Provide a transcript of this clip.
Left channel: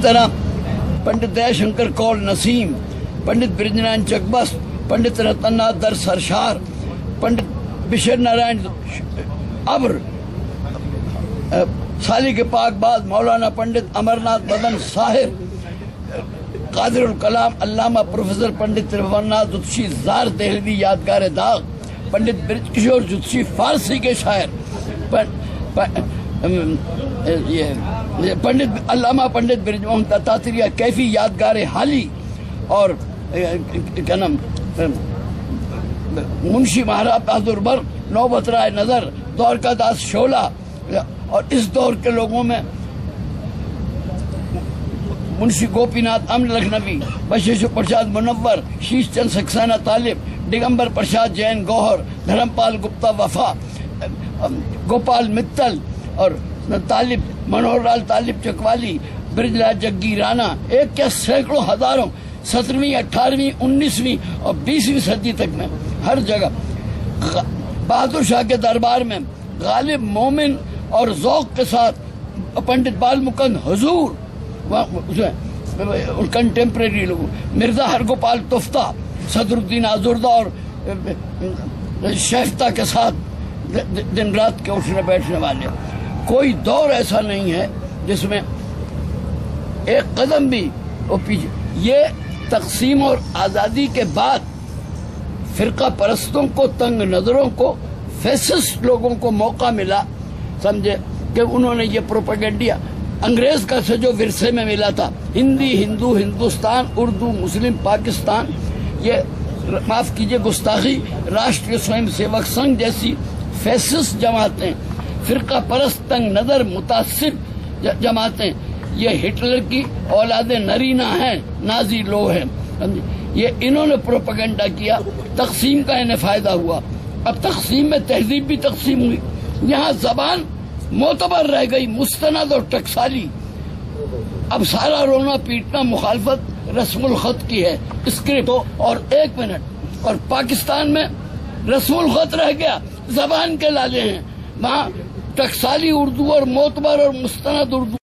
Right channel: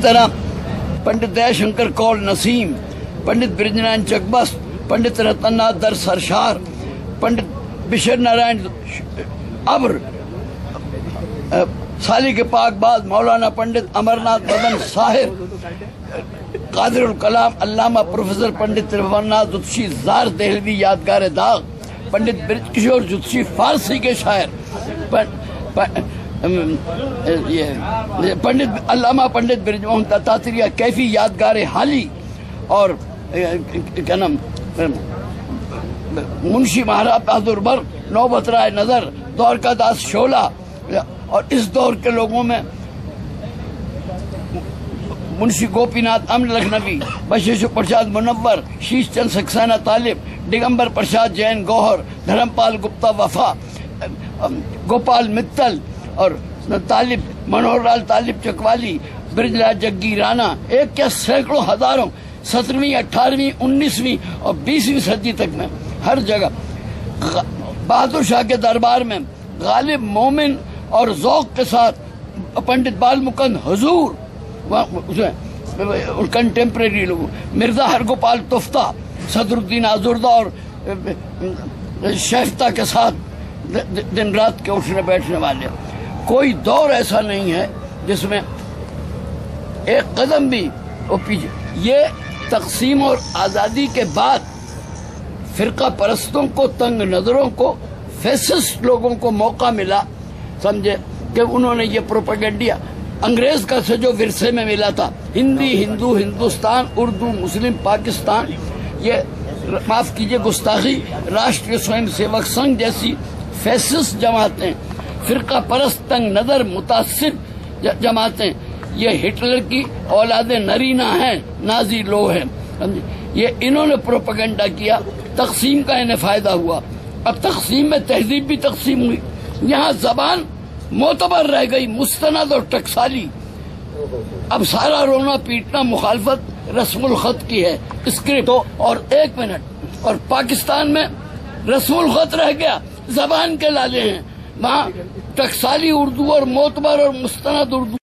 طرح पंडित दयाशंकर कौल नसीम, पंडित ब्रिजनारायण चकबस्त, पंडित रतननाथ दर सरशार, पंडित बिशर नारायण अब्र, सालिक पाकबाज मौलाना पंडित अमरनाथ बदन साहिर, कादिरुल कलाम अल्लामा प्रोफेसर पंडित त्रिभुवननाथ जुत्शी जार देहलवी यादगार दाग, पंडित ब्रिजकिशोर जुत्शी फारसी के शायर, पंडित अल्लामा पंडित ब्रिजमोहन दत्तात्रेय कैफी यादगार हाली और क्या नाम मुंशी महाराज बहादुर बर्क, नौबत राय नजर, द्वारका दास शोला, और इस दौर के लोगों में मुंशी गोपीनाथ अमन लखनवी, बशीर प्रसाद मुनव्वर, शीश चंद सक्सेना तालिब, दिगंबर प्रसाद जैन गौहर, धर्मपाल गुप्ता वफा, गोपाल मित्तल और तालिब मनोहर लाल तालिब चकवाली, ब्रिजलाल जग्गी राणा, एक क्या सैकड़ों हजारों 17वीं 18वीं 19वीं और 20वीं सदी तक में हर जगह बहादुर शाह के दरबार में गालिब मोमिन और ज़ौक़ के साथ पंडित बालमुकंद हुजूर कंटेम्प्रेरी लोग, मिर्जा हरगोपाल तुफ्ता, सदरुद्दीन आजुर्दा और शेफ्ता के साथ दिन रात के उठने बैठने वाले। कोई दौर ऐसा नहीं है जिसमें एक कदम भी वो पीछे। ये तकसीम और आज़ादी के बाद फिरका परस्तों को, तंग नजरों को, फैसिस्ट लोगों को मौका मिला, समझे, कि उन्होंने ये प्रोपेगेंडिया अंग्रेज का से जो विरसे में मिला था, हिंदी हिंदू हिंदुस्तान, उर्दू मुस्लिम पाकिस्तान, ये माफ कीजिए गुस्ताखी, राष्ट्रीय स्वयंसेवक संघ जैसी फैसिस्ट जमातें, फिरका परस्त तंग नजर मुतासिर जमातें, ये हिटलर की औलादे नरीना हैं, नाजी लो हैं, ये इन्होंने प्रोपेगेंडा किया, तकसीम का इन्हें फायदा हुआ। अब तकसीम में तहजीब भी तकसीम हुई, यहाँ जबान मोतबर रह गई, मुस्तनद और टकसाली। अब सारा रोना पीटना मुखालफत रस्मुल खत की है, स्क्रिप्ट। और 1 मिनट, और पाकिस्तान में रस्मुल खत रह गया, जबान के लाले हैं, वहाँ टकसाली उर्दू और मोतबर और मुस्तनद उर्दू